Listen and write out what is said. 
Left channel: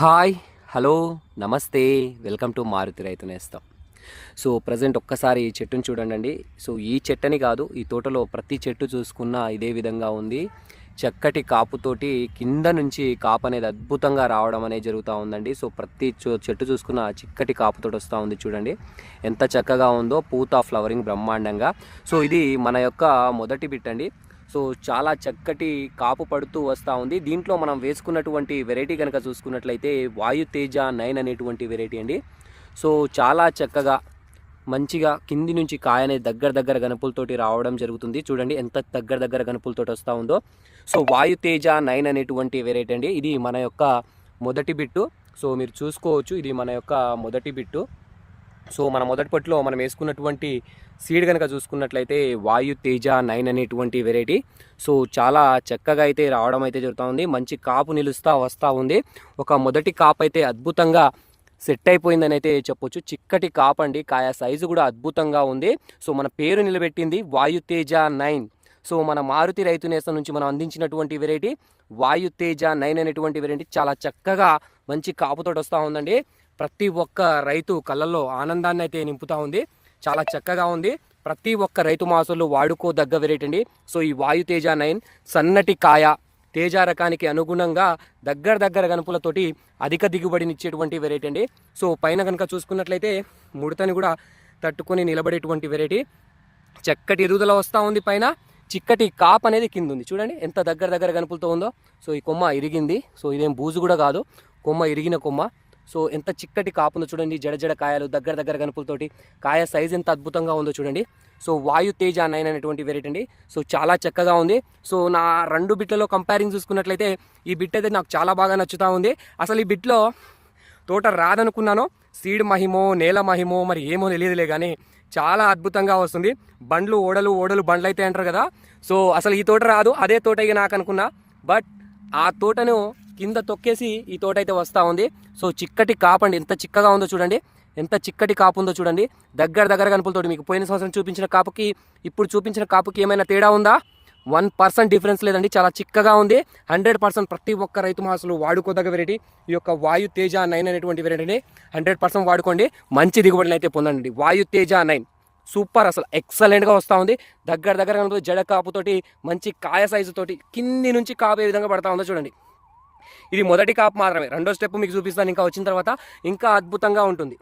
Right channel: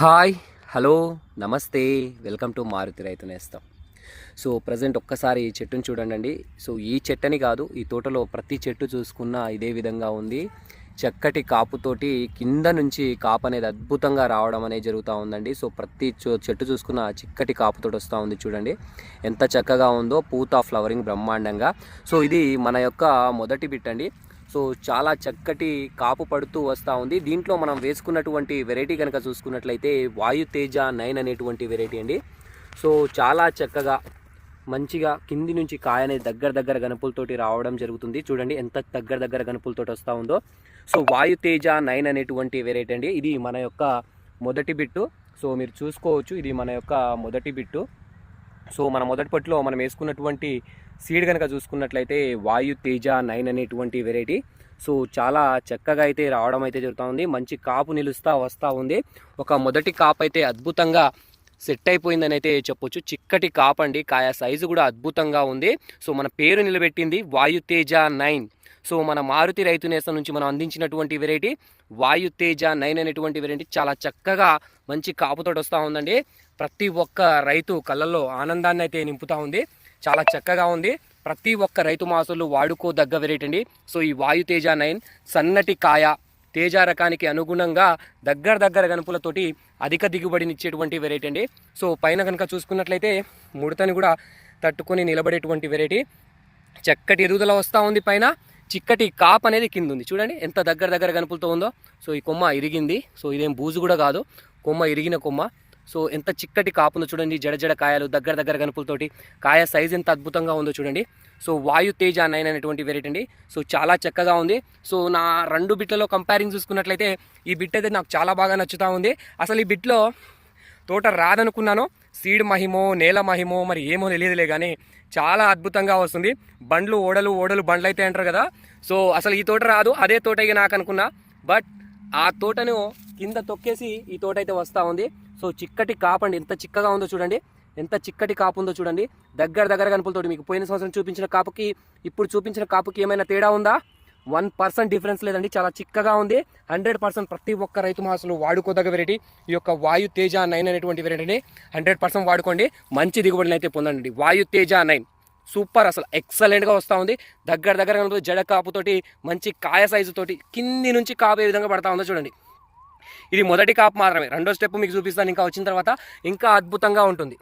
Hi hello నమస్తే welcome to Maruti రైతు నేస్తాం. So present ఒక్కసారి ఈ చెట్టుని చూడండి సో ఈ చెట్టని కాదు ఈ తోటలో ప్రతి చెట్టు చూసుకున్నా ఇదే విధంగా ఉంది. చక్కటి కాపుతోటి కింద నుంచి కాపు అనేది అద్భుతంగా రావడం అనేది జరుగుతూ ఉందండి. సో ప్రతి చో- చెట్టు చూసుకున్న చిక్కటి కాపుతోటి వస్తూ ఉంది చూడండి. ఎంత చక్కగా ఉందో పూత ఫ్లవరింగ్ బ్రహ్మాండంగా. సో ఇది మన యొక్క మొదటి బిట్ అండి సో చాలా చక్కటి కాపు పడుతూ వస్తూ ఉంది. దీంట్లో మనం వేసుకున్నటువంటి వెరైటీ కనుక చూసుకున్నట్లయితే వాయు తేజ నైన్ అనేటువంటి వెరైటీ అండి. సో చాలా చక్కగా మంచిగా కింది నుంచి కాయ అనేది దగ్గర దగ్గర గనుపులతోటి రావడం జరుగుతుంది. చూడండి ఎంత దగ్గర దగ్గర గనుపులతోటి వస్తూ ఉందో. సో వాయు తేజ నైన్ అనేటువంటి వెరైటీ అండి. ఇది మన యొక్క మొదటి బిట్టు. సో మీరు చూసుకోవచ్చు ఇది మన యొక్క మొదటి బిట్టు. సో మన మొదటి పట్టులో మనం వేసుకున్నటువంటి సీడ్ కనుక చూసుకున్నట్లయితే వాయు తేజ నైన్ అనేటువంటి వెరైటీ సో చాలా చక్కగా అయితే రావడం అయితే జరుగుతూ ఉంది. మంచి కాపు నిలుస్తూ వస్తూ ఉంది. ఒక మొదటి కాపు అయితే అద్భుతంగా సెట్ అయిపోయిందని అయితే చెప్పొచ్చు. చిక్కటి కాపండి కాయ సైజు కూడా అద్భుతంగా ఉంది. సో మన పేరు నిలబెట్టింది వాయు తేజ నైన్. సో మన మారుతి రైతు నేస్తం నుంచి మనం అందించినటువంటి వెరైటీ వాయు తేజ నైన్ అనేటువంటి వెరైటీ చాలా చక్కగా మంచి కాపుతోటి వస్తూ ఉందండి. ప్రతి ఒక్క రైతు కళ్ళల్లో ఆనందాన్ని అయితే నింపుతూ ఉంది. చాలా చక్కగా ఉంది. ప్రతి ఒక్క రైతు మాసంలో వాడుకోదగ్గ వెరైటీ అండి. సో ఈ వాయు తేజ నైన్ సన్నటి కాయ తేజ రకానికి అనుగుణంగా దగ్గర దగ్గర గనుపులతోటి అధిక దిగుబడినిచ్చేటువంటి వెరైటీ అండి. సో పైన కనుక చూసుకున్నట్లయితే ముడతని కూడా తట్టుకొని నిలబడేటువంటి వెరైటీ చక్కటి ఎదుగుదల వస్తూ ఉంది పైన. చిక్కటి కాప్ అనేది కింద ఉంది. చూడండి ఎంత దగ్గర దగ్గర గనుపులతో ఉందో. సో ఈ కొమ్మ ఇరిగింది. సో ఇదేం బూజు కూడా కాదు. కొమ్మ ఇరిగిన కొమ్మ. సో ఎంత చిక్కటి కాపుందో చూడండి జడ జడ కాయలు దగ్గర దగ్గర కనుపులతోటి. కాయ సైజ్ ఎంత అద్భుతంగా ఉందో చూడండి. సో వాయు తేజ నైన్ అనేటువంటి వెరైటీ అండి. సో చాలా చక్కగా ఉంది. సో నా రెండు బిట్లలో కంపేరింగ్ చూసుకున్నట్లయితే ఈ బిట్ అయితే నాకు చాలా బాగా నచ్చుతూ ఉంది. అసలు ఈ బిట్లో తోట రాదనుకున్నాను సీడ్ మహిమో నేల మహిమో మరి ఏమో తెలియదులే కానీ చాలా అద్భుతంగా వస్తుంది. బండ్లు ఓడలు ఓడలు బండ్లు అయితే అంటారు కదా. సో అసలు ఈ తోట రాదు అదే తోట ఇక నాకు అనుకున్నా. బట్ ఆ తోటను కింద తొక్కేసి ఈ తోట అయితే వస్తూ ఉంది. సో చిక్కటి కాపండి ఎంత చిక్కగా ఉందో చూడండి. ఎంత చిక్కటి కాపు ఉందో చూడండి. దగ్గర దగ్గర కనుపులతోటి మీకు పోయిన సంవత్సరం చూపించిన కాపుకి ఇప్పుడు చూపించిన కాపుకి ఏమైనా తేడా ఉందా? వన్ పర్సెంట్ డిఫరెన్స్ లేదండి. చాలా చిక్కగా ఉంది. హండ్రెడ్ పర్సెంట్ ప్రతి ఒక్క రైతు మాసలు వాడుకోదగ్గ వెరైటీ ఈ యొక్క వాయు తేజ నైన్ అనేటువంటి వెరైటీని హండ్రెడ్ పర్సెంట్ వాడుకోండి. మంచి దిగుబడిని అయితే పొందండి. వాయు తేజ నైన్. సూపర్ అసలు. ఎక్సలెంట్గా వస్తూ ఉంది. దగ్గర దగ్గర కనుక జడ కాపుతోటి మంచి కాయ సైజు తోటి కింది నుంచి కాపు ఏ విధంగా పడతా ఉందో చూడండి. ఇది మొదటి కాపు మాత్రమే. రెండో స్టెప్ మీకు చూపిస్తాను. ఇంకా వచ్చిన తర్వాత ఇంకా అద్భుతంగా ఉంటుంది.